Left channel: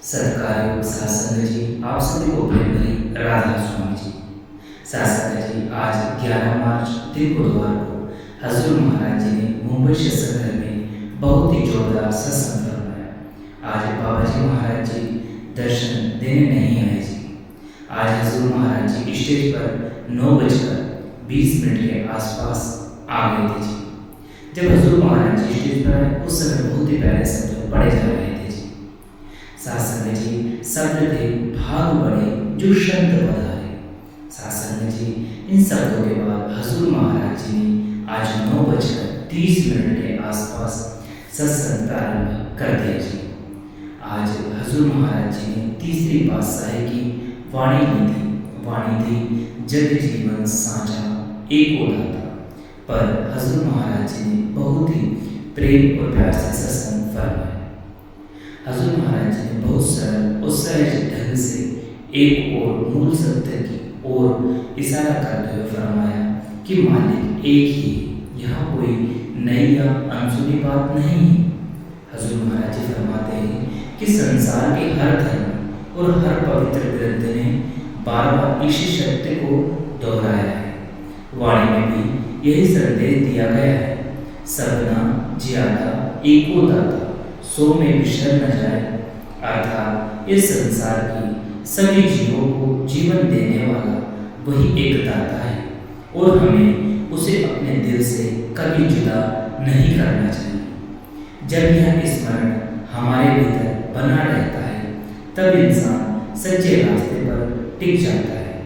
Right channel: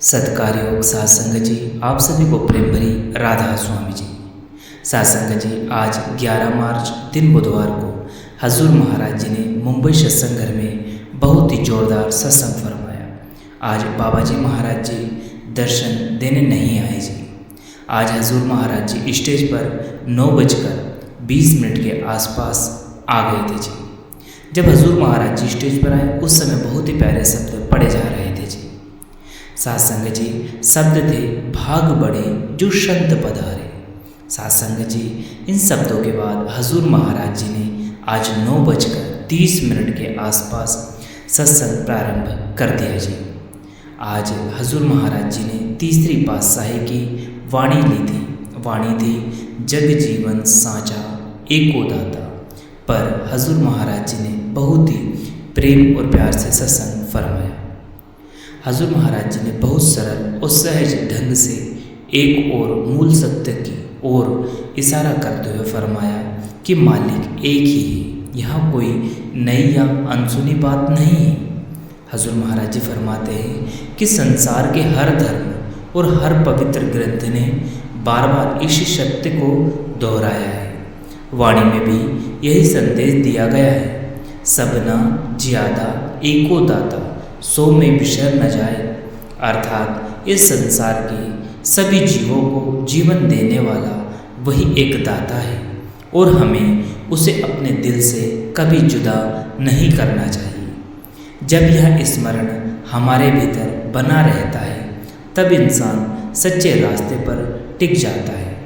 सत्कारयोग सात्संग जी, आप सभी को प्रेम भरी राधा स्वामी जी। सात्संग जी, आज 11 मार्च दिन बुधवार को हजूर महाराज जी ने मुंबई सत्संग घर में बहुत ही जोरदार सत्संग फरमाया। आज बाबा जी महाराज जी दर्शन देने नहीं आए जी। आज हजूर महाराज जी स्टेज पर 9:20 के आसपास आ गए थे जी। जब हजूर महाराज जी स्टेज पर आए उस समय बहुत ही प्यारे शब्द पढ़े जा रहे थे जी। सात्संग जी, शब्द थे भाग बढ़े जो संत पधारे। सात्संग जी, इन शब्दों के बाद हजूर महाराज जी ने आज 9:30 के आसपास सत्संग प्रारंभ कर दिया जी। आज हजूर महाराज जी ने तीसरी पातशाही की वाणी ली थी। वाणी थी जग जीवन साझा एको दाता। पर हजूर महाराज जी ने बहुत ही प्रेम और प्यार से सत्संग फरमाया। हजूर महाराज जी ने बहुत सरल और सहज ढंग से एक और मूल सत्य की ओर इशारा करते हुए फरमाया कि मालिक एक ही है, यहाँ कोई नई या अनसुनी बात नहीं है। हजूर महाराज जी फरमाते हैं कि संसार के हर धर्म और हर पवित्र ग्रंथ ने बार बार इसी सत्य को दोहराया है। वाणी में भी यही संदेश दिया गया है, सबना ज्यादा एको दाता सो में बिसर न जाए। अर्थात इस संसार के सभी जीवों को जीवन देने वाला वही एक दाता है और हमें उसे अपने दिल से कभी जुदा नहीं करना चाहिए। जब यह स्मरण हमारे भीतर बना रहता है तब इंसान सच्चे रास्ते पर टिक जाता है।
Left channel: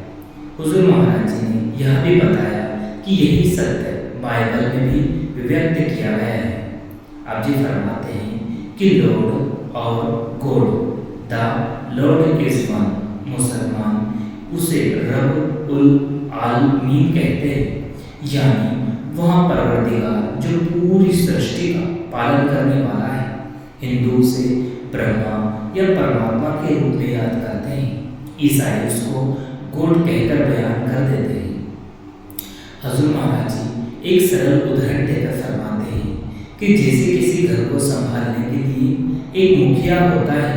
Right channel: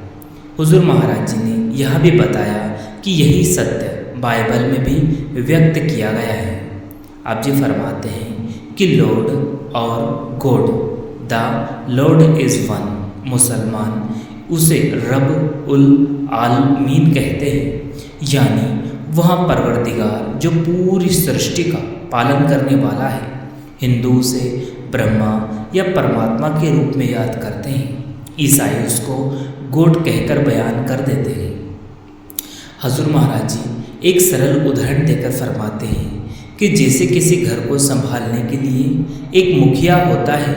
हुजूर महाराज जी ने यह भी बताया कि यही सत्य बाइबल में भी व्यक्त किया गया है। आप जी फरमाते हैं कि लॉर्ड और God, the Lord is one. मुसलमान उसे रब उल आलमीन कहते हैं, यानी वहाँ परवरदिगार जो पूरी सृष्टि का पालन करने वाला है। हिंदू उसे ब्रह्मा या परमात्मा के रूप में याद करते हैं। ईसाई उसको गॉड कहकर बयान कर देते हैं। हजूर महाराज जी एक सरल उदाहरण देकर फरमाते हैं कि जैसे किसी घर को संभालने के लिए एक मुखिया होता है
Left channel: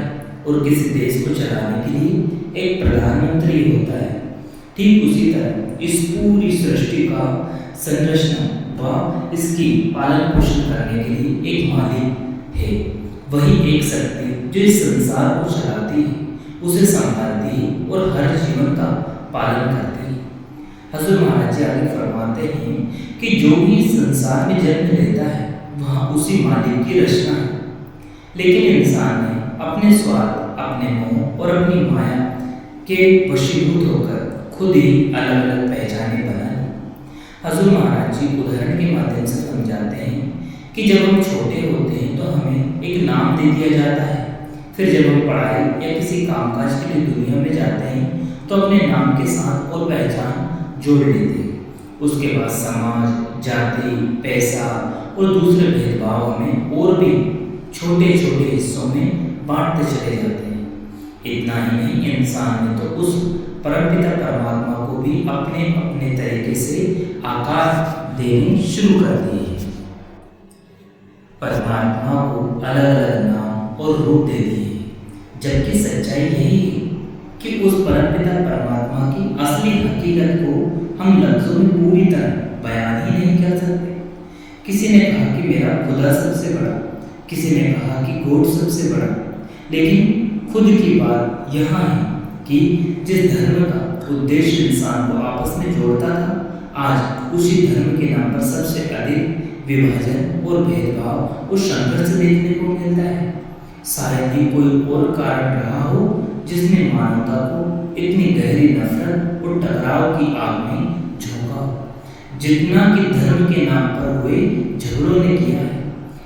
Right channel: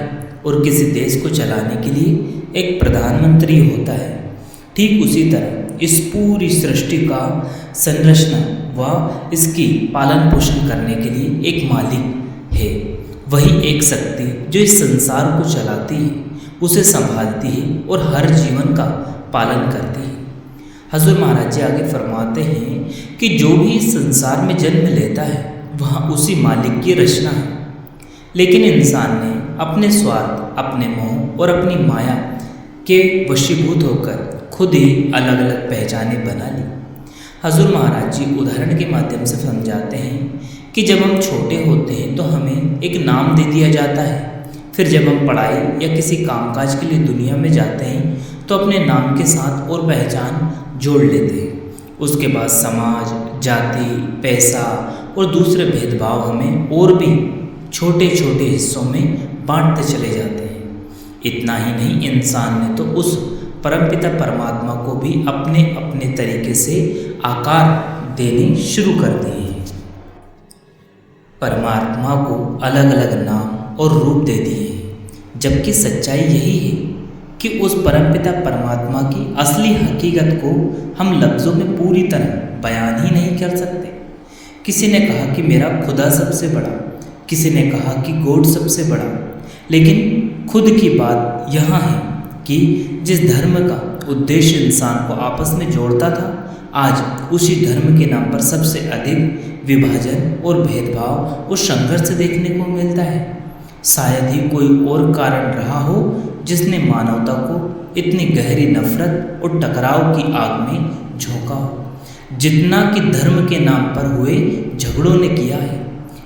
और किसी देश को चलाने के लिए एक प्रधानमंत्री होता है, ठीक उसी तरह इस पूरी सृष्टि का संरचना व इसकी पालन पोषण करने के लिए एक मालिक है। वही एक शक्ति जो इस संसार को चलाती है, उसे संभालती है और हर जीवन का पालन करती है। हजूर महाराज जी आगे फरमाते हैं कि जो भी इस संसार में जन्म लेता है वहाँ उसी मालिक की रचना है, लेकिन इंसान ने अपने स्वार्थ, अपने मोह और अपनी माया के वशीभूत होकर खुद ही अलग अलग पहचानें बना ली। हजूर महाराज जी उदाहरण के माध्यम से समझाते हैं कि जब हम छोटे होते हैं तो हमें एक नाम दे दिया जाता है। फिर जब हम पढ़ाई या किसी कामकाज के लिए दुनिया में जाते हैं तो अपने नाम के साथ और पहचान जोड़ लेते हैं। उसके बाद समाज, जाति, पैसा और दूसरे भेदभाव हमें और भी छोटे छोटे हिस्सों में बांटते चले जाते हैं। इतना ही नहीं, इंसान ने तो उस परमपिता परमात्मा को भी अपने अपने तरीके से आकार देने शुरू कर दिए हैं। परमात्मा को अलग अलग नाम और रूप दे दिए हैं, जबकि सच्चाई यही है कि उस परमपिता परमात्मा की असली हकीकत को हम लफ्ज़ों में पूरी तरह बयान ही नहीं कर सकते। किसी ने कहा कि मेरा खुदा सबसे बड़ा, किसी ने कहा कि गॉड सबसे बड़ा, लेकिन खुद की बात यहाँ है कि जिस धर्म का उद्देश्य इंसान को आपस में जोड़ता था, आज उसी धर्म के नाम पर सबसे अधिक विभाजन और भेदभाव और संघर्ष देखने को मिलता है। शायद ही कोई और कारण रहा हो जिसने मानवता को इतनी गहरी नफरत और टकराव की आग में झोंका हो जितना कि धर्म के नाम पर हुए झगड़ों ने किया है।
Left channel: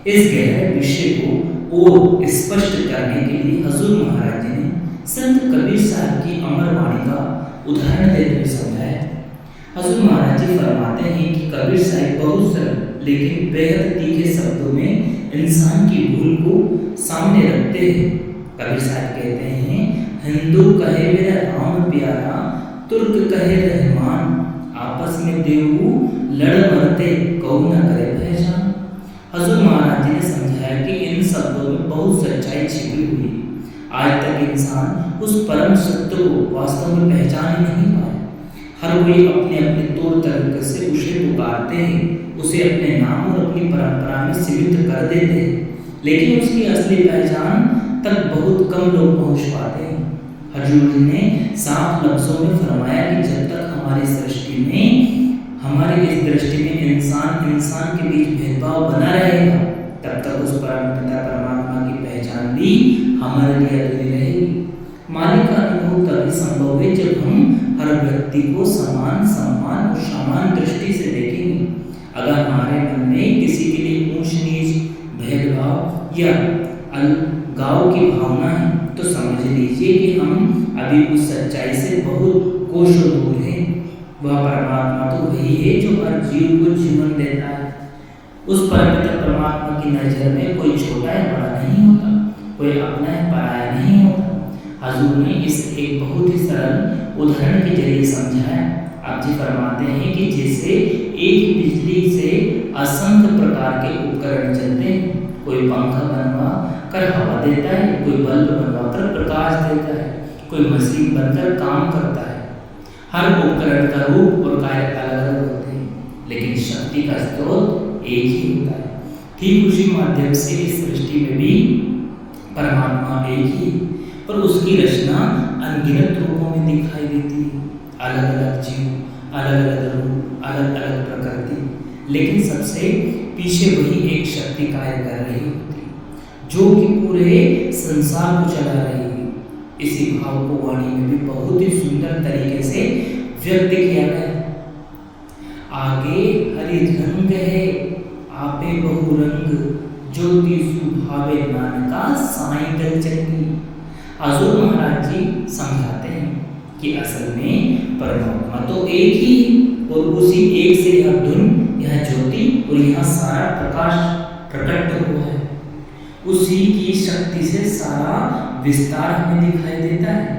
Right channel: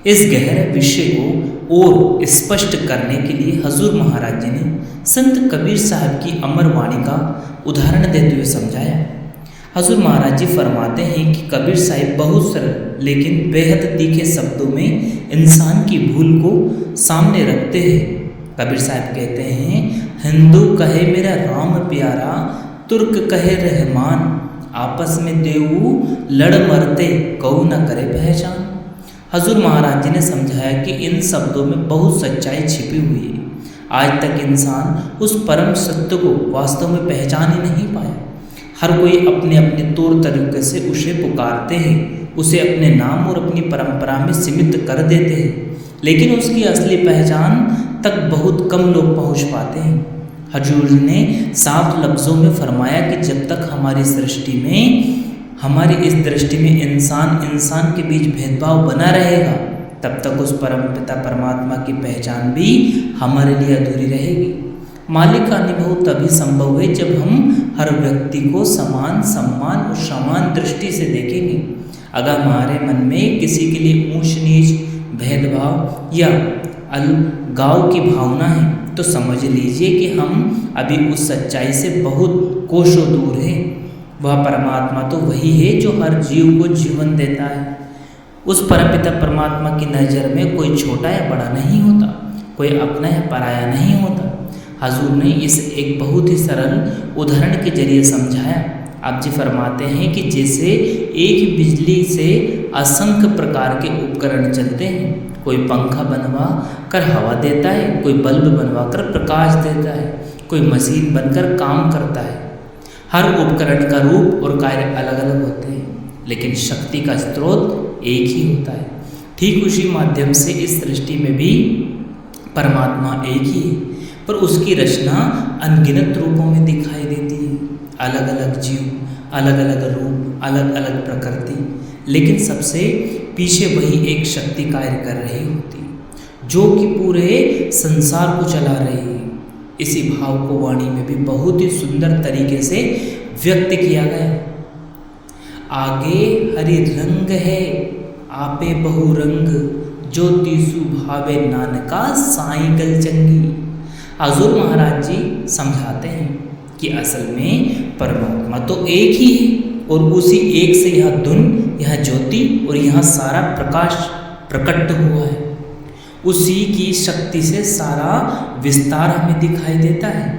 इस गहरे विषय को और स्पष्ट करने के लिए हजूर महाराज जी ने संत कबीर साहब की अमर वाणी का उदाहरण देते हुए समझाया। हजूर महाराज जी फरमाते हैं कि कबीर साहब बहुत सरल लेकिन बेहद तीखे शब्दों में इंसान की भूल को सामने रखते हैं। कबीर साहब कहते हैं, हिंदू कहे मेरा राम प्यारा, तुर्क कहे रहमान, आपस में देवू लड़ मरते कऊ न करे पहचान। हजूर महाराज जी ने समझाया कि इन शब्दों में बहुत सच्चाई छिपी हुई है। आज तक इंसान उस परम सत्य को वास्तव में पहचान ही नहीं पाया। हर कोई अपने अपने तौर तरीके से उसे पुकारते हैं, उसे अपने नाम और अपनी परंपरा में सीमित कर देते हैं, लेकिन उसकी असली पहचान तक बहुत कम लोग पहुंच पाते हैं। हजूर ने साफ लफ्ज़ों में फरमाया कि जब तक हमारी इस दृष्टि में इंसान के बीच भेदभाव बना रहेगा, तब तक उस परम पिता परमात्मा की पहचान भी हमारे लिए अधूरी रहेगी। मालिक का अनुभव तभी संभव है जब हम हर व्यक्ति को समान सम्मान और समान दृष्टि से देखेंगे। अगर हमारे मन में किसी के लिए ऊंच नीच, भेदभाव या अलगाव की भावना है, तो समझ लीजिए कि हम अभी उस सच्चाई से बहुत कोसों दूर हैं। वह परमात्मा तो वही है जो हर जीव को जीवन देता है। उस परमपिता परमात्मा की नज़र में कोई छोटा या बड़ा नहीं होता, कोई अपना या पराया नहीं होता। हजूर ने इसे एक बहुत ही सरल उदाहरण के जरिए समझाया। आप जी फरमाते हैं कि जैसे एक बिजली से असंख्य प्रकार के उपकरण चलते हैं। कोई पंखा बनवा कर हवा देता है, कोई बल्ब बनवा कर प्रकाश देता है, कोई मशीन बनकर काम करता है। हर उपकरण का रूप और कार्य अलग अलग होते हैं, लेकिन शक्ति का स्रोत एक ही होता है। ठीक उसी माध्यम से इस सृष्टि में भी परमात्मा एक ही है, पर उसकी रचना अनगिनत रूपों में दिखाई देती है। अलग अलग जीव, अलग अलग रूप, अलग अलग प्रकृति, लेकिन सबसे पीछे वही एक शक्ति कार्य कर रही होती है, जो कि पूरे संसार को चला रही है। इसी भाव को वाणी में भी बहुत ही सुंदर तरीके से व्यक्त किया गया। आगे हरि रंग है, आपे बहुरंग, ज्योति सुभावे नानका साईं गल चंगी। हजूर महाराज जी समझाते हैं कि असल में परमात्मा तो एक ही है, और उसी एक से यह धुन, यह ज्योति और यह सारा प्रकाश प्रकट हुआ है। उसी की शक्ति से सारा विस्तार हमें दिखाई देता है।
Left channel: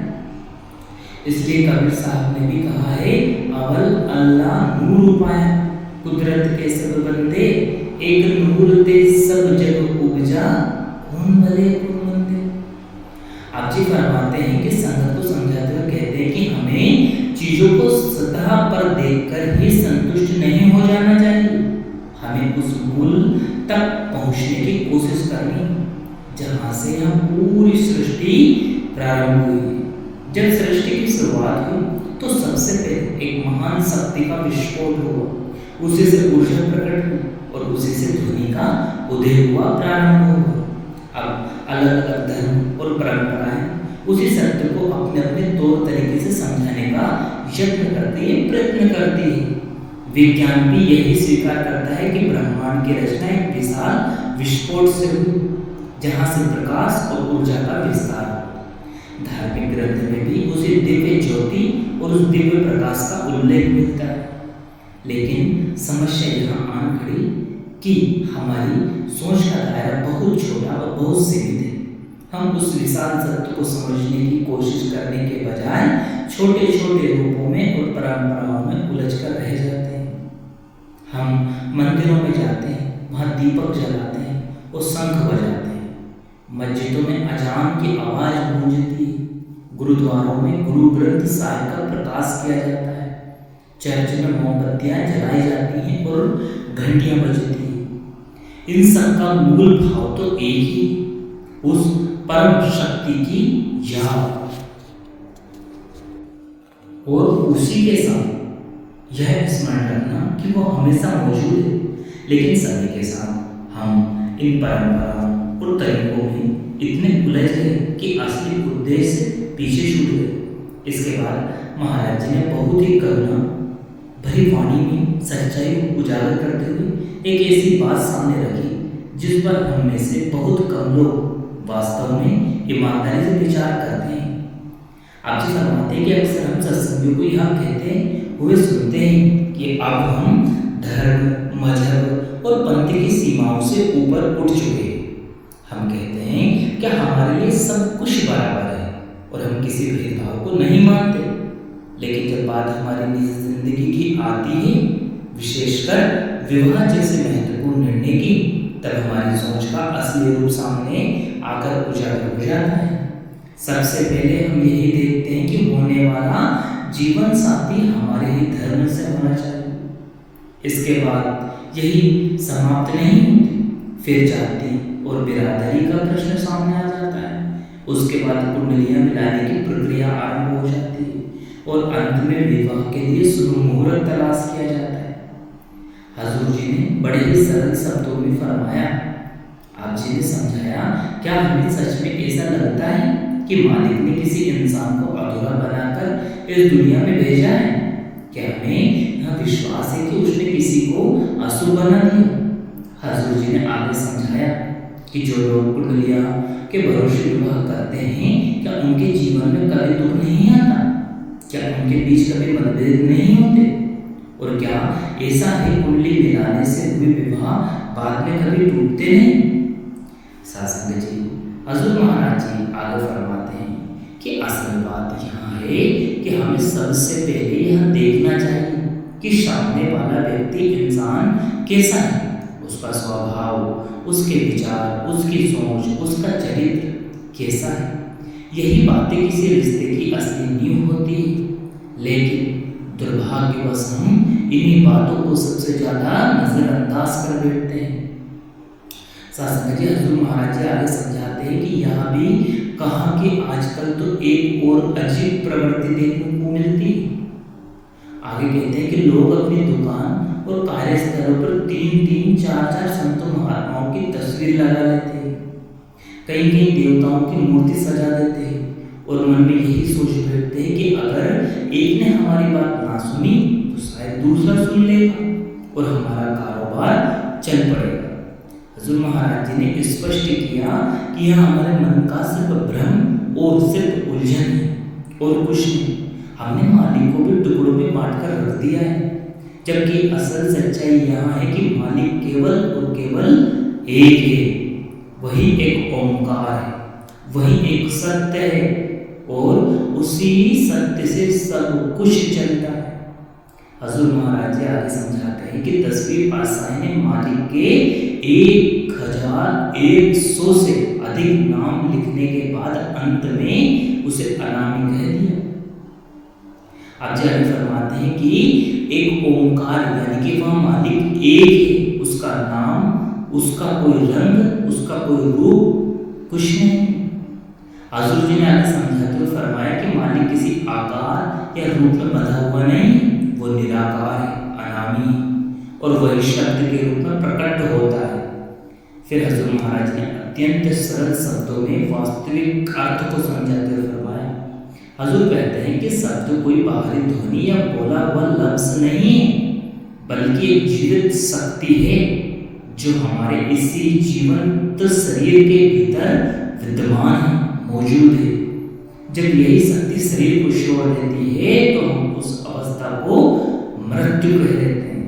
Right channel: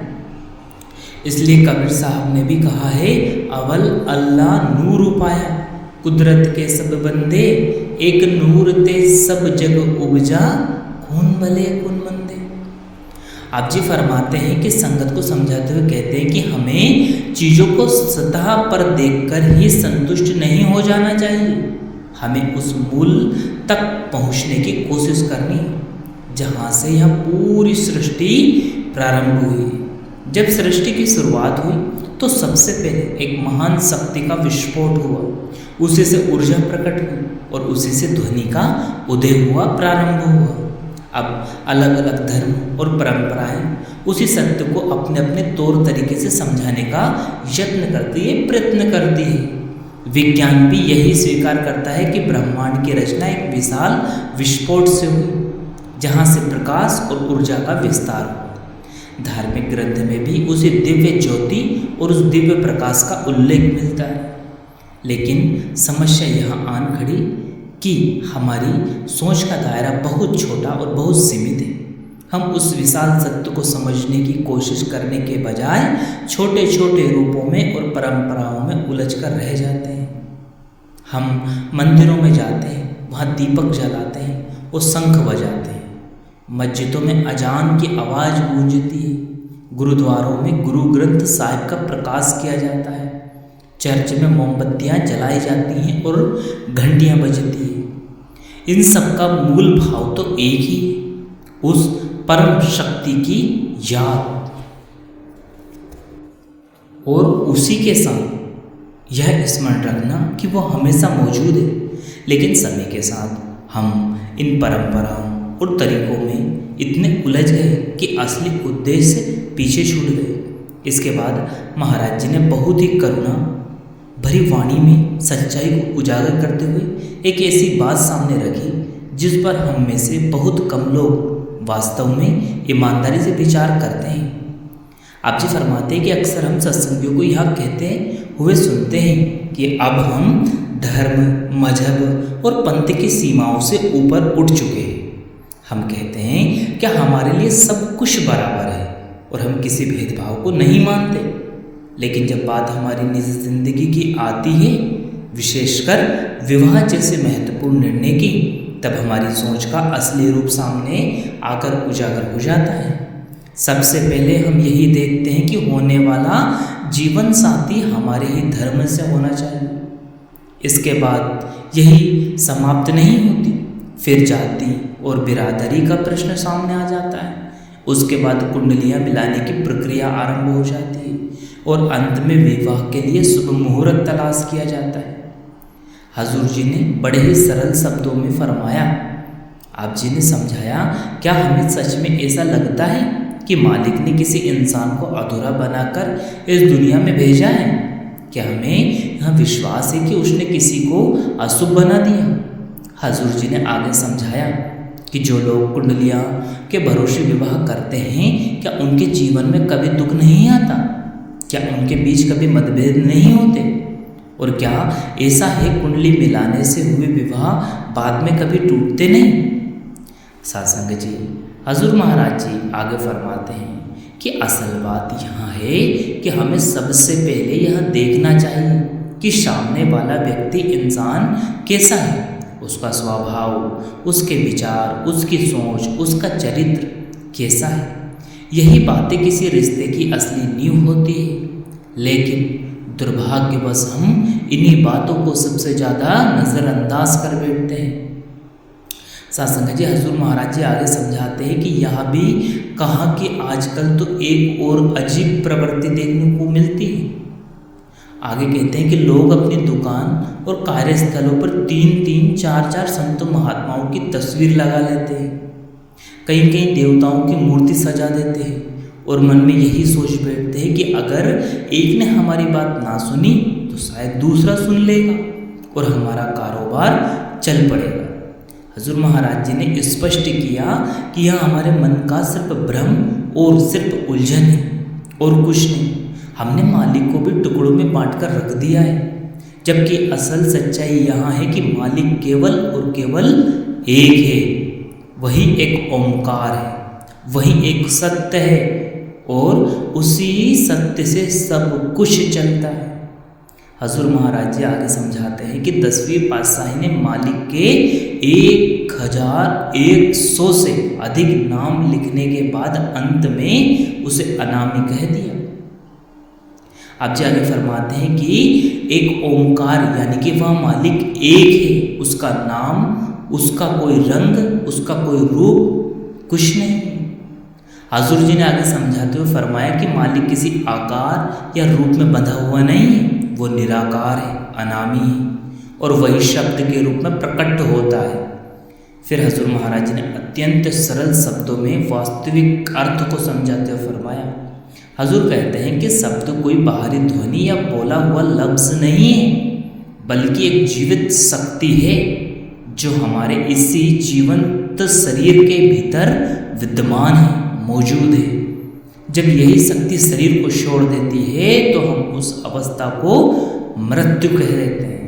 इसलिए कबीर साहब ने भी कहा है, अवल अल्लाह नूर उपाया, कुदरत के सब बंदे, एक नूर ते सब जग उपजा, कौन भले कौन मंदे। आप जी फरमाते हैं कि संगत को समझाते हुए कहते हैं कि हमें चीज़ों को सतह पर देखकर ही संतुष्ट नहीं हो जाना चाहिए। हमें उस मूल तक पहुंचने की कोशिश करनी है, जहाँ से यह पूरी सृष्टि प्रारंभ हुई। जब सृष्टि की शुरुआत हुई तो सबसे पहले एक महान शक्ति का विस्फोट हुआ, उसी से ऊर्जा प्रकट हुई और उसी से ध्वनि का उदय हुआ, प्रारंभ हुआ। अब अलग अलग धर्म और परंपराएं उसी सत्य को अपने अपने तौर तरीके से समझाने का यत्न करती है, प्रयत्न करती है। विज्ञान भी यही स्वीकार करता है कि ब्रह्मांड की रचना एक विशाल विस्फोट से हुई, जहाँ से प्रकाश और ऊर्जा का विस्तार हुआ। धार्मिक ग्रंथ में भी उसी दिव्य ज्योति और उस दिव्य प्रकाश का उल्लेख मिलता है। लेकिन समस्या यहाँ आन खड़ी कि हमारी सोच का दायरा बहुत छोटा और बहुत सीमित है। हम उस विशाल सत्य को समझने की कोशिश करने के बजाय छोटे छोटे रूपों में और परंपराओं में उलझकर रह जाते हैं। हम मंदिरों में जाते हैं, वहाँ दीपक जलाते हैं और शंख बजाते हैं। मस्जिदों में अजान की आवाज़ गूंजती है, गुरुद्वारों में गुरु ग्रंथ साहिब का प्रकाश किया जाता है, चर्च में मोमबत्तियाँ जलाई जाती हैं और घंटियाँ बजती हैं। इन सब का मूल भाव तो एक ही, उस परम शक्ति की याद, और उसी के साथ यह स्मरण रखना कि वो हमेशा मौजूद है। लेकिन समय के साथ हम इन परंपराओं और तरीकों में इतने उलझ गए कि असली उद्देश्य पीछे छूट गए। इसके बाद महाराज जी ने बहुत ही करुणा भरी वाणी में सच्चाई को उजागर करते हुए एक ऐसी बात सामने रखी जिस पर हम में से बहुत कम लोग वास्तव में ईमानदारी से विचार करते हैं। आप जी फरमाते हैं कि अक्सर हम सत्संगियों को यह कहते हुए सुनते हैं कि अब हम धर्म, मजहब और पंथ की सीमाओं से ऊपर उठ चुके हैं। हम कहते हैं कि हमारे लिए सब कुछ बराबर है और हम किसी भेदभाव को नहीं मानते। लेकिन जब बात हमारी निजी जिंदगी की आती है, विशेषकर विवाह जैसे महत्वपूर्ण निर्णय की, तब हमारी सोच का असली रूप सामने आकर उजागर हो जाता है। सबसे पहले हम यही देखते हैं कि होने वाला जीवन साथी हमारे ही धर्म से होना चाहिए। इसके बाद यही समाप्त नहीं होती, फिर जाति और बिरादरी का प्रश्न सामने आ जाता है। उसके बाद कुंडलियां मिलाने की प्रक्रिया आरंभ हो जाती है और अंत में विवाह के लिए शुभ मुहूर्त तलाश किया जाता है। हजूर जी ने बड़े ही सरल शब्दों में फरमाया, आप जी ने समझाया, क्या हमें सच में ऐसा लगता है कि मालिक ने किसी इंसान को अधूरा बनाकर इस दुनिया में भेजा है? क्या हमें यह विश्वास है कि उसने किसी को अशुभ बना दिया? हजूर जी ने आगे समझाया कि जो लोग कुंडलियाँ के भरोसे विवाह करते हैं, क्या उनके जीवन में कभी दुख नहीं आता? क्या उनके बीच कभी मतभेद नहीं होते? और क्या ऐसा है कुंडली मिलाने से हुए विवाह बाद में कभी टूटते नहीं? सासंग जी, हजूर महाराज जी आगे फरमाते हैं कि असल बात यहाँ है कि हमें सबसे पहले यह देखना चाहिए कि सामने वाला व्यक्ति इंसान कैसा है, उसका स्वभाव, उसके विचार, उसकी सोच, उसका चरित्र कैसा है। यही बातें किसी रिश्ते की असली नींव होती है। लेकिन दुर्भाग्यवश हम इन्हीं बातों को सबसे ज़्यादा नज़रअंदाज कर बैठते हैं। सासंग जी, हजूर महाराज जी आगे समझाते हैं कि यह भी कहा कि आजकल तो एक और अजीब प्रवृत्ति देखने को मिलती है। आगे कहते हैं कि लोग अपनी दुकान और कार्यस्थलों पर 3-3, 4-4 संत महात्माओं की तस्वीर लगा लेते हैं। कहीं कहीं देवताओं की मूर्ति सजा देते हैं और मन में यही सोच बैठते हैं कि अगर एक ने हमारी बात ना सुनी तो शायद दूसरा सुन लेगा और हमारा कारोबार चल पड़ेगा। हजूर महाराज जी ने स्पष्ट किया कि यह हमारे मन का सिर्फ भ्रम और सिर्फ उलझन है और कुछ नहीं। हमने मालिक को भी टुकड़ों में बांट कर रख दिया है, जबकि असल सच्चाई यहाँ है कि मालिक केवल और केवल एक है। वही एक ओंकार है, वही एक सत्य है और उसी सत्य से सब कुछ चलता है। हजूर महाराज जी आगे समझाते हैं कि 10वीं पातशाही ने मालिक के 1100 से अधिक नाम लिखने के बाद अंत में उसे अनामी कह दिया। आप जी आगे फरमाते हैं कि एक ओंकार यानी कि वह मालिक एक है, उसका नाम, उसका कोई रंग, उसका कोई रूप कुछ नहीं। हजूर जी ने आगे समझाते हुए फरमाया कि मालिक किसी आकार या रूप में बंधा हुआ नहीं है, वो निराकार है, अनामी है और वही शब्द के रूप में प्रकट होता है। फिर हजूर महाराज जी ने अत्यंत सरल शब्दों में वास्तविक अर्थ को समझाते हुए फरमाया। हजूर कहते हैं कि शब्द कोई बाहरी ध्वनि या बोला हुआ लफ्ज नहीं है, बल्कि एक जीवित शक्ति है जो हमारे इसी जीवंत शरीर के भीतर विद्यमान है, मौजूद है। जब यही शक्ति शरीर को छोड़ देती है तो हम उस अवस्था को मृत्यु कह देते हैं।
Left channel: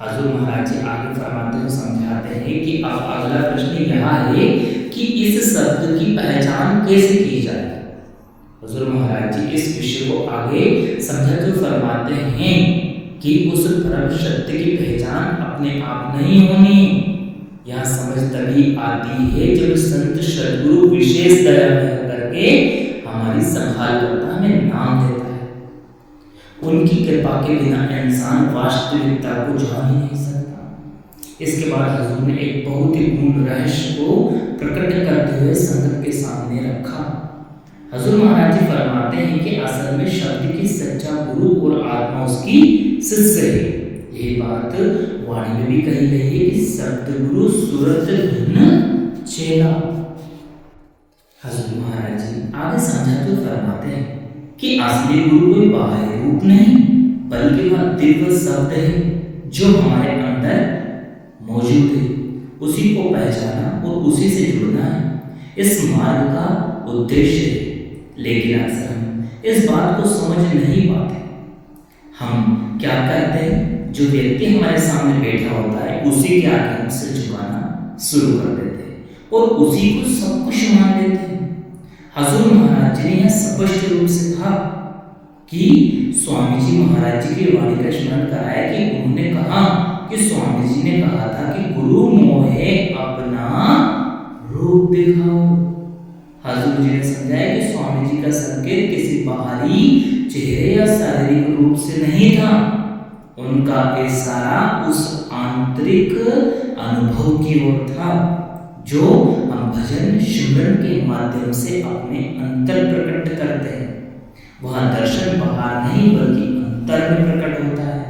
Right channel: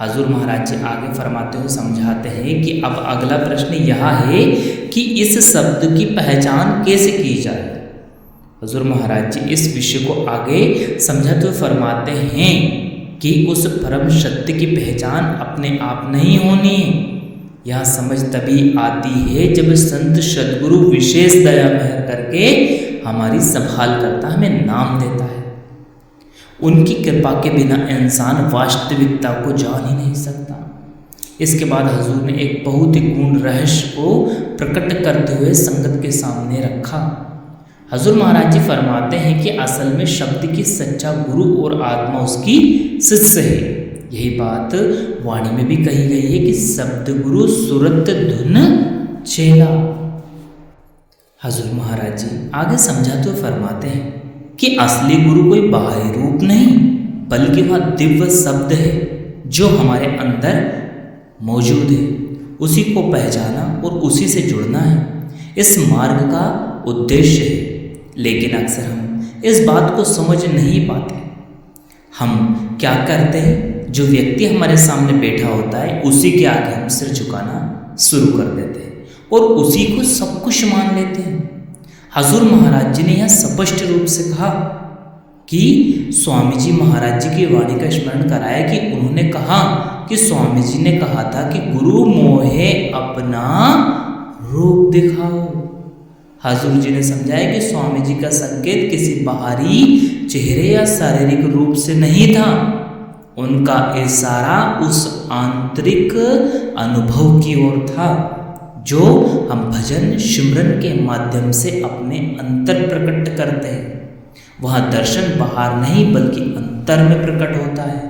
हजूर महाराज जी आगे फरमाते हुए समझाते हैं कि अब अगला प्रश्न यह है कि इस शब्द की पहचान कैसे की जाए। हजूर महाराज जी इस विषय को आगे समझाते हुए फरमाते हैं कि उस परम सत्य की पहचान अपने आप नहीं होनी। यह समझ तभी आती है जब संत सद्गुरु विशेष दया महर करके हमारी संभाल करता, हमें नाम देता है। उनकी कृपा के बिना इंसान वास्तविकता को जान ही नहीं सकता। इसके बाद हजूर ने एक बहुत ही गूढ़ रहस्य को प्रकट करते हुए संगत के सामने रखा। हजूर महाराज जी फरमाते हैं कि असल में शब्द की सच्चा गुरु और आत्मा उसकी शिष्य है। यही बात वाणी में भी कही गई है कि शब्द गुरु सुरत धुन चेला। हजूर महाराज जी आगे समझाते हुए फरमाते हैं कि असली गुरु कोई बाहरी रूप नहीं, बल्कि वह दिव्य शब्द है जो हमारे अंदर मौजूद है। उसी को पहचाना और उसी से जुड़ना है इस मार्ग का उद्देश्य है। लेकिन अक्सर हम इस बात को समझ नहीं पाते। हम क्या करते हैं, जो व्यक्ति हमारे सामने बैठा होता है उसी के आगे हम सिर झुकाना शुरू कर देते हैं और उसी को सब कुछ मान लेते हैं। हजूर महाराज जी ने यह स्पष्ट रूप से कहा कि स्वामी जी महाराज जी की वाणी का स्मरण कराया कि उन्होंने कहा कि स्वामी जी ने कहा था कि गुरु मोहे अपना रूप दिखाओ। हजूर जी ने समझाया कि स्वामी जी का संकेत किसी बाहरी चेहरे या शारीरिक रूप से नहीं था, उनका इशारा उस आंतरिक अनुभव की ओर था जो हम भजन सिमरन के माध्यम से अपने अंतर प्रकट करते हैं। वह दर्शन बाहर नहीं बल्कि अंतर में प्रकट होता है।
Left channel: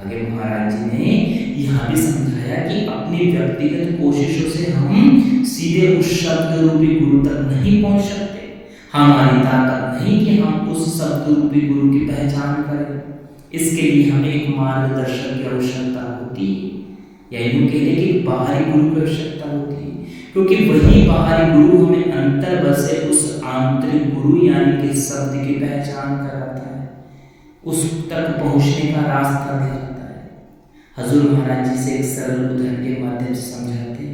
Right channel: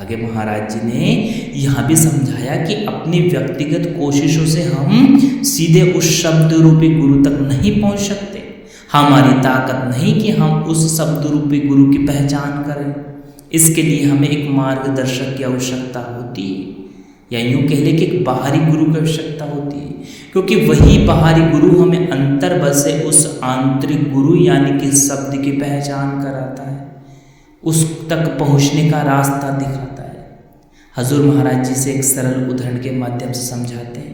आगे महाराज जी ने यह भी समझाया कि अपनी व्यक्तिगत कोशिशों से हम सीधे उस शब्द रूपी गुरु तक नहीं पहुंच सकते। हमारी ताकत नहीं कि हम उस शब्द रूपी गुरु की पहचान करें। इसके लिए हमें एक मार्गदर्शक की आवश्यकता होती है, या यूँ कह लें कि एक बाहरी गुरु की आवश्यकता होती है, क्योंकि वही बाहरी गुरु हमें अंतर बसे उस आंतरिक गुरु यानी कि शब्द की पहचान कराता है, उस तक पहुँचने का रास्ता दिखाता है। हजूर महाराज जी से एक सरल उदाहरण के माध्यम से समझाते हैं।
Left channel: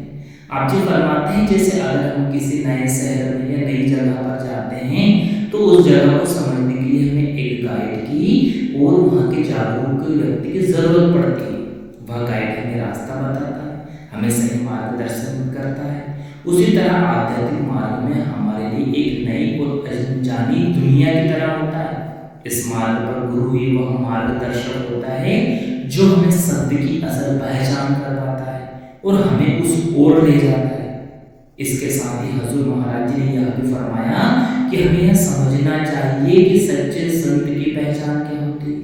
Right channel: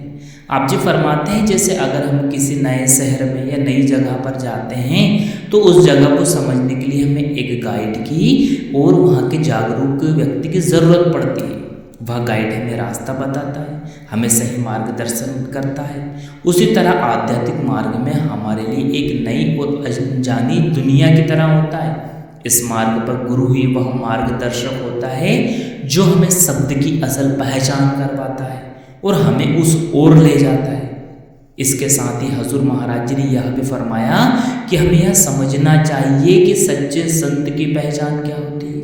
आप जी फरमाते हैं, जैसे अगर हम किसी नए शहर में या नई जगह पर जाते हैं तो उस जगह को समझने के लिए हमें एक गाइड की और वहाँ के जागरूक व्यक्ति की ज़रूरत पड़ती है। वह गाइड हमें रास्ता बताता है, हमें सही मार्गदर्शन करता है। उसी तरह आध्यात्मिक मार्ग में हमारे लिए एक नई और अनजानी दुनिया की तरह होता है। इस मार्ग पर गुरु ही वह मार्गदर्शक होता है जो हमें शब्द की असल पहचान करवाता है और हमें उस ओर ले जाता है। इसके साथ ही हजूर महाराज जी ने यह भी फरमाया कि हमें यह समझना चाहिए कि सच्चे संत की पहचान क्या होती है।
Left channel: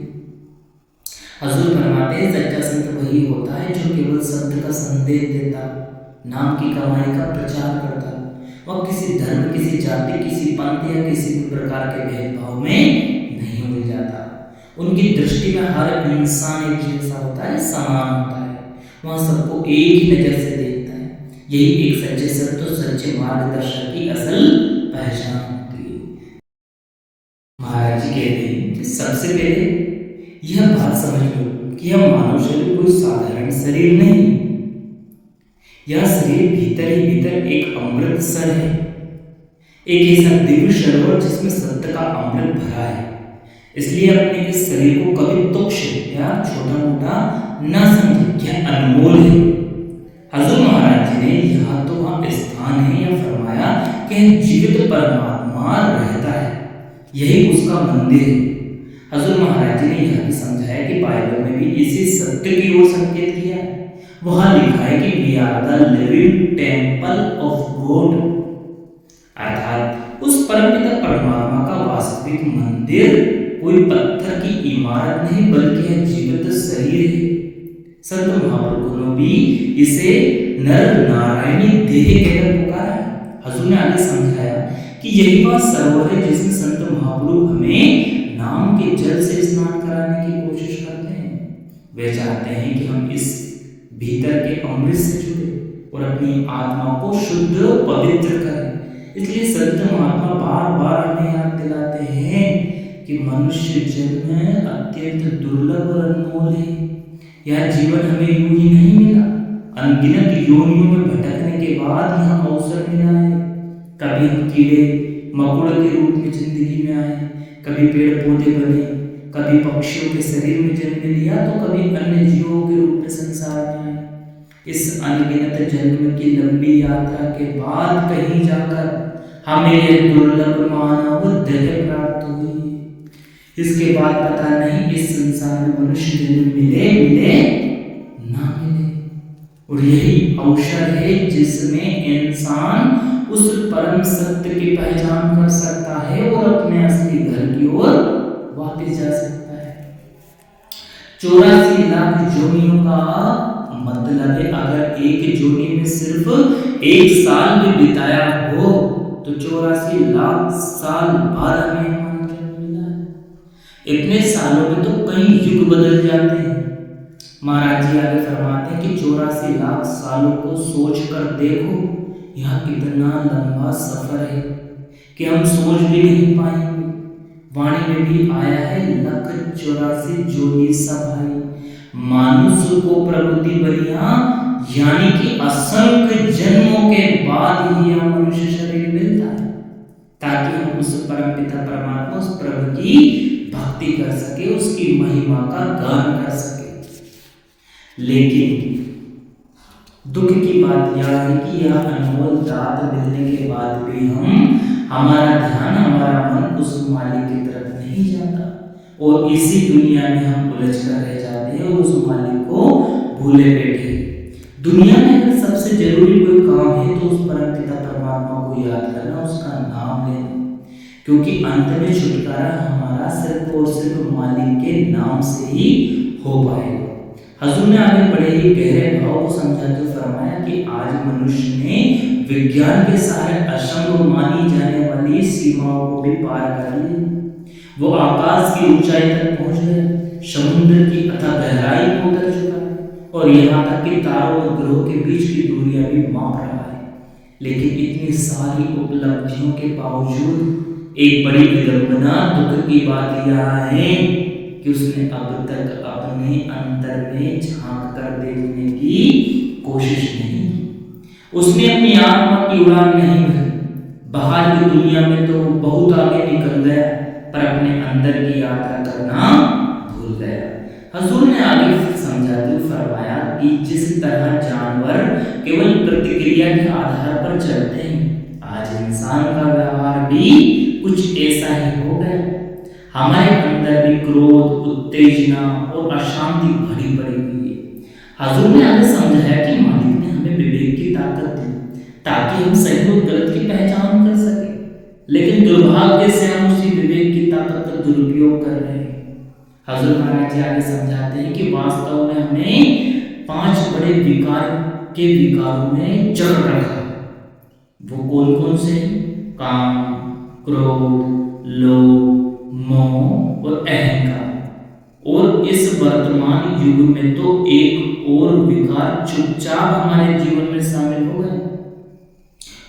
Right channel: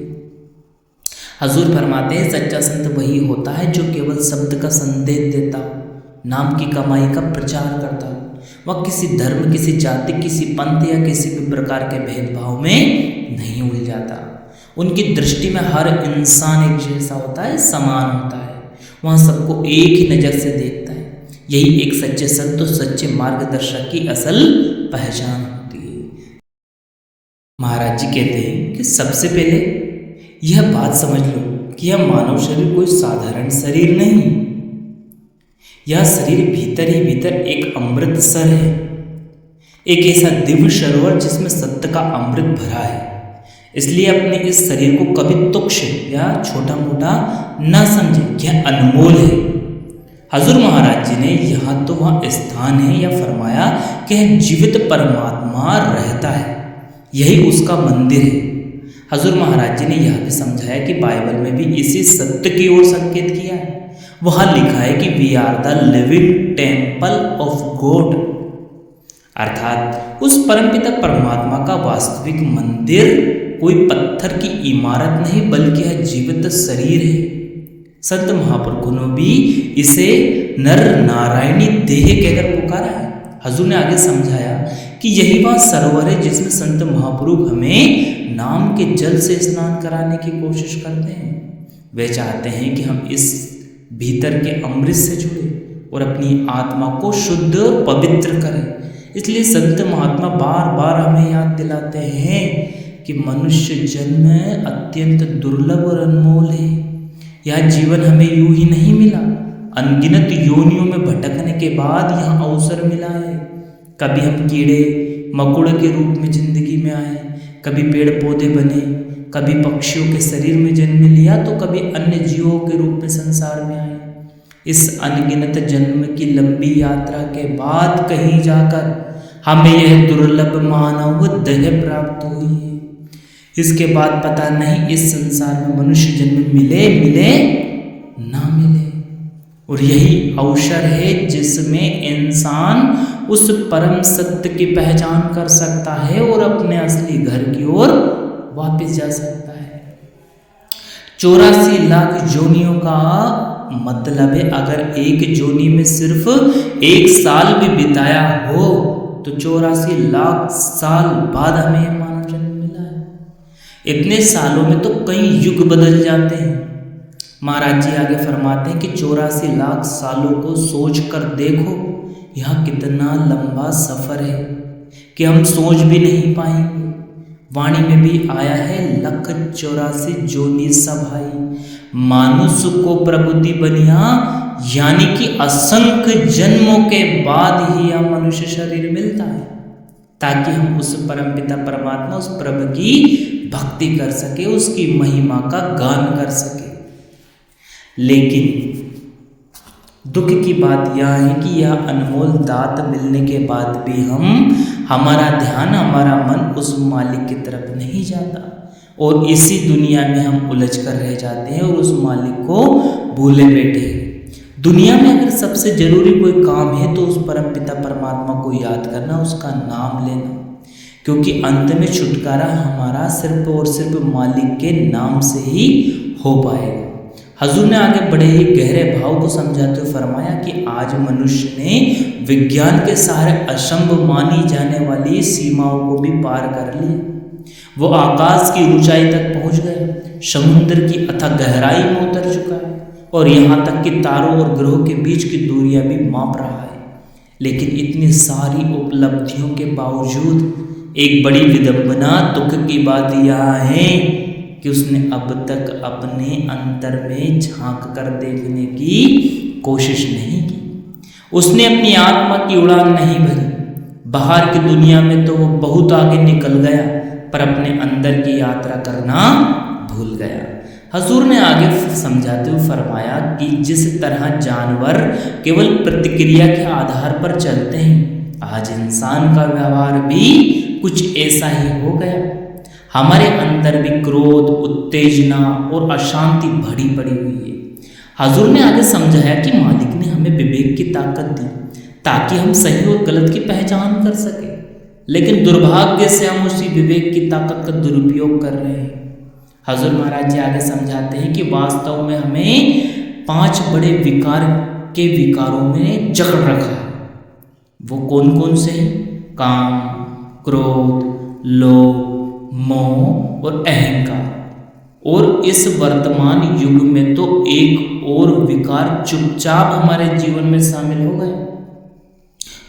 हजूर फरमाते हैं, सच्चा संत वही होता है जो केवल शब्द का संदेश देता हो, नाम की कमाई का प्रचार करता हो। वह किसी धर्म, किसी जाति, किसी पंथ या किसी भी प्रकार के भेदभाव में नहीं उलझाता। उनकी दृष्टि में हर इंसान एक जैसा होता है, समान होता है। वह सबको एक ही नज़र से देखता है। यही एक सच्चे संत और सच्चे मार्गदर्शक की असल पहचान होती है। महाराज जी कहते हैं कि सबसे पहले यह बात समझ लो कि यह मानव शरीर कोई साधारण शरीर नहीं। यह शरीर भीतर ही भीतर एक अमृत सर है, एक ऐसा दिव्य सरोवर जिसमें सत्य का अमृत भरा है। इसलिए अपने इस शरीर को कभी तुच्छ या छोटा मोटा न समझे, यह अनमोल है। हजूर महाराज जी ने यहाँ तो वहाँ स्थान है या फरमाया कि जीवित परमात्मा रहता है, यही उसका मंदिर है। हजूर महाराज जी ने यह भी समझाया कि बाइबल में भी इसी सत्य की ओर संकेत किया है। वहाँ लिखा है कि we are the living temple of God, अर्थात उस परमपिता परमात्मा का वास्तविक मंदिर कोई पत्थर की इमारत नहीं बल्कि यह जीवित शरीर है। संत महापुरुषों ने भी इसे नर नारायणी देह कहकर पुकारा है। हजूर ने आगे समझाया कि यही वह सरोवर है जिसमें संत महापुरुष हमें नाम के जल से स्नान कराने की कोशिश करते हैं। वे चाहते हैं कि हम इस भीतर के अमृत से जुड़े और अपनी आत्मा को शुद्ध पवित्र करें। इसलिए संत महात्मा बार बार हमें याद दिलाते हैं कि मनुष्य जन्म अत्यंत दुर्लभ और अनमोल है। यह जीवन हमें यूं ही नहीं मिला, अनगिनत योनियों में भटकने के बाद यह अवसर मिला है। कभी हम कीड़े मकोड़े के रूप में जिंदगी में आए, कभी पेड़ पौधे बने, कभी पक्षियों के शरीर में जन्म लिया तो कभी अन्य जीवों के रूप में संसार में आए। इस अनगिनत जन्म की लंबी यात्रा के बाद कहीं जाकर हमें यह दुर्लभ मानव देह प्राप्त हुई है। इसके बाद पता नहीं इस संसार में मनुष्य जन्म मिले ना मिले। और यही अवसर है जिसमें इंसान उस परम सत्य की पहचान कर सकता है और अपने असली घर की ओर वापस जा सकता है। 84 लाख जोनियों का मतलब है अगर एक जोनी में सिर्फ 1 साल भी बिताया हो तो 84 लाख साल बाद हमें मानव जन्म मिला है। इतने सालों में तो कई युग बदल जाते हैं। महाराज जी आगे फरमाते हैं कि 84 लाख सालों को सोच कर देखो, यह कितना लंबा सफर है कि हम सोच भी नहीं पाएंगे। वाणी में भी आया है 184 जोनी सभाई, मानुष को प्रबुद्धि बनिया, यानी कि असंख्य जन्मों के बाद ही यह मनुष्य शरीर मिलता है ताकि हम उस परमपिता परमात्मा, उस प्रभु की भक्ति कर सके, उसकी महिमा का गान कर सके। लेकिन दुख की बात यह है कि यह अनमोल दात मिलने के बाद भी हमारा ध्यान, हमारा मन उस मालिक की तरफ नहीं जाता और इसी दुनिया में हम उलझ कर रह जाते हैं और उस मालिक को भूले बैठे हैं। दुनिया में अगर सबसे जरूरी कोई काम है तो उस परमपिता परमात्मा को याद करना, उसका नाम लेना, क्योंकि अंत में छुटकारा हमारा सिर्फ और सिर्फ मालिक के नाम से ही हो पाएगा। हजूर ने आगे बड़े ही गहरे भाव को समझाते हुए फरमाया कि आज मनुष्य ने विज्ञान के सहारे असंभव मानी जाने वाली सीमाओं को भी पार कर लिया। वो आकाश की ऊंचाई तक पहुंच गए, समुद्र की अथाह गहराई में उतर चुका है और यहाँ तक कि तारों और ग्रहों के बीच की दूरियां भी माप रहा है। लेकिन इतनी सारी उपलब्धियों के बावजूद एक बड़ी विडंबना, दुख की बात यह है कि उसने अब तक अपने अंतर में झांक कर देखने की कोशिश नहीं की। उसने अपनी आत्मा की उड़ान नहीं भरी। बाहर की दुनिया में तो वो बहुत आगे निकल गया, पर अपने अंदर की यात्रा करना भूल गया। हजूर ने आगे समझाते हुए फरमाया कि जिस तरह जानवर केवल प्रतिक्रिया के आधार पर चलते हैं, आज इंसान का व्यवहार भी कुछ ऐसा ही हो गया। हमारे अंदर भी क्रोध, उत्तेजना और अशांति भरी पड़ी हुई है। हजूर ने आगे समझाया कि मालिक ने हमें विवेक की ताकत दी ताकि हम सही और गलत की पहचान कर सके, लेकिन दुर्भाग्य से हम उसी विवेक की ताकत का दुरुपयोग कर रहे हैं। हजूर महाराज जी आगे समझाते हैं कि वास्तव में हमें 5 बड़े विकारों में जकड़ रखा है। वो कौन कौन से? काम, क्रोध, लोभ, मोह और अहंकार। और इस वर्तमान युग में तो एक और विकार चुपचाप हमारे जीवन में शामिल हो गए।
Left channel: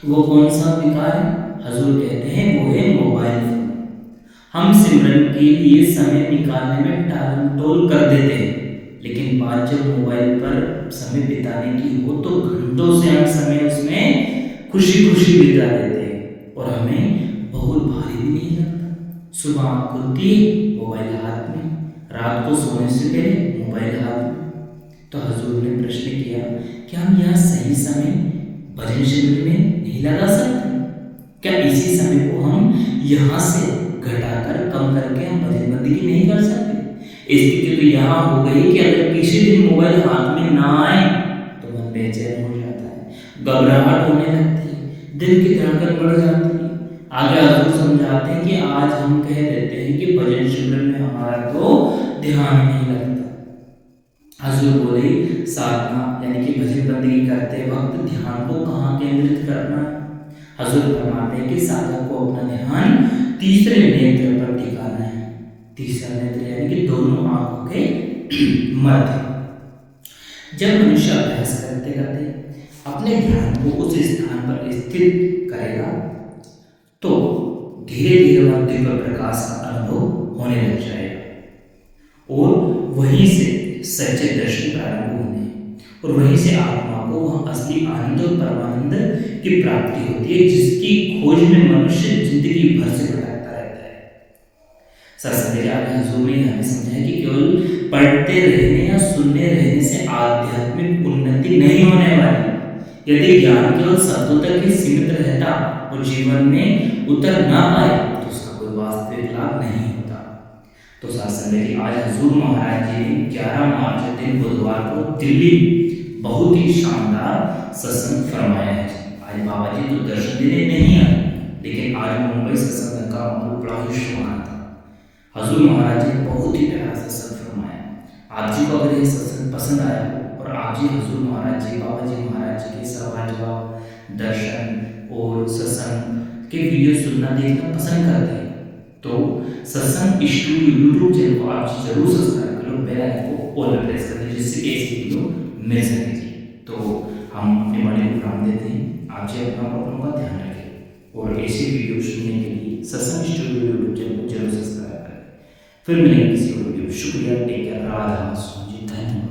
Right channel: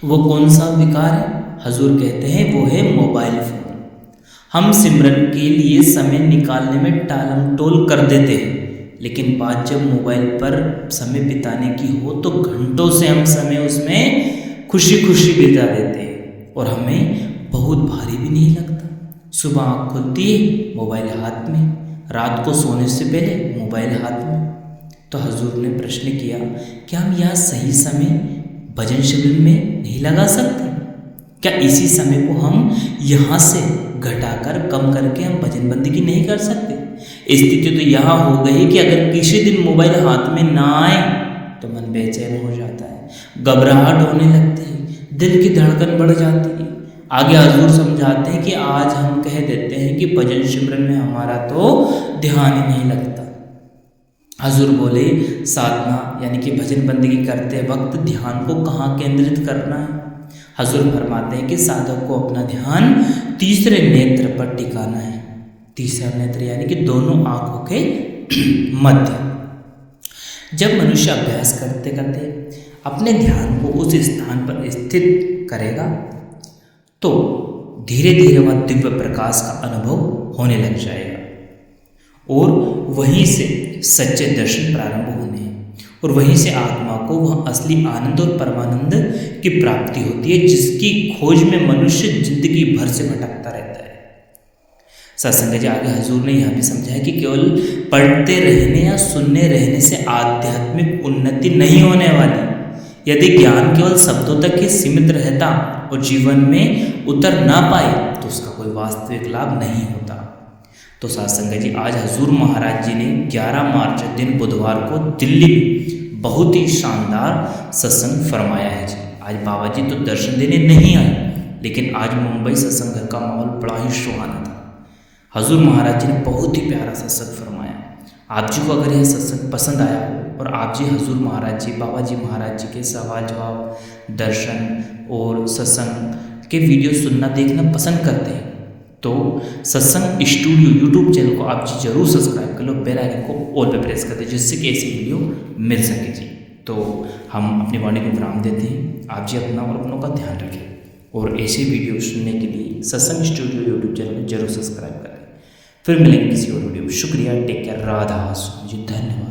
वो कौन सा विकार है? हजूर कहते हैं वो है मोबाइल फोन। हम सिमरन के लिए समय निकालने में टालम टोल कर देते हैं, लेकिन बात जब मोबाइल पर समय बिताने की हो तो घंटों से हम समय उसमें खुशी खुशी बिता देते हैं और हमें बहुत भारी भी नहीं लगता। सुबह आँख खुलती है, मोबाइल हाथ में, रात को सोने से पहले मोबाइल हाथ में। तो हजूर ने प्रश्न किया कि हम यह सही समय भजन शिविर में नहीं लगा सकते? क्या इसी समय को हम यहाँ से घटाकर कम करके हम भजन बंदगी नहीं कर सकते? स्थिति तो यहाँ हो गई कि अगर किसी दिन मोबाइल हाथ में ना आए तो मन बेचैन हो जाता है, घबराहट होने लगती है, दिल की धड़कन बढ़ जाती है। आगे हजूर समझाते हैं कि आज हम कह देते हैं कि भजन सिमरन में हमारा तो ध्यान ही नहीं लगता। हजूर बोले साधना यानी कि भजन बंदगी करते वक्त ध्यान को कहाँ केंद्रित करना है? हजूर फरमाते हैं कि साधक को अपना ध्यान तीसरे नेत्र पर टिकाना है। तीसरा नेत्र यानी कि दोनों आंखों के मध्य। जब मनुष्य अभ्यास करते करते अपने ध्यान को उस स्थान पर स्थित करेगा तो धीरे धीरे वह दिव्य प्रकाश का अनुभव होने लग जाएगा और वहीं से सच्चे दर्शन प्रारंभ होने और वहीं से आत्मा को वह असली आनंद और परमानंद की प्राप्ति होती है, जिसकी खोज में मनुष्य जिंदगी भर से भटकता रहता है। सत्संग जी आगे हजूर ने यह भी समझाया कि केवल पढ़ते रहने या सुनने रहने से आध्यात्मिक उन्नति नहीं होने वाली। यदि ज्ञान केवल शब्दों तक ही सीमित रहता और जीवन में उतर ना पाए तो उसका कोई वास्तविक लाभ नहीं होता। तो सत्संग जी आज हजूर महाराज जी ने 11 मार्च दिन बुधवार को दिल्ली में बहुत ही शानदार सत्संग फरमाया है। आज बाबा जी तो दर्शन देने नहीं आए, लेकिन आज मुंबई सत्संग घर का माहौल बड़ा ही सुहाना था। हजूर महाराज जी ने बहुत ही प्यारा सत्संग फरमाया। आप जी को अगर यह सत्संग पसंद आया हो और आप जी हजूर महाराज जी, बाबा जी महाराज जी के सवाल जवाब, दर्शन और सत्संग के वीडियो सुनना देखना पसंद करते हैं तो सत्संग स्टूडियो यूट्यूब चैनल को आप जी जरूर सब्सक्राइब कर लो, बेल आइकन को ऑल पे प्रेस कर दें जिससे कि ऐसी वीडियो मिल सके जी। तो हम अपनी वाणी को विराम देते हैं। आप जी अपना और अपनों का ध्यान रखें और ऐसे वीडियो सुनने के लिए सत्संग स्टूडियो यूट्यूब चैनल को जरूर सब्सक्राइब करें। फिर मिलेंगे किसी और वीडियो। शुक्रिया, टेक केयर, राधा स्वामी जी, धन्यवाद।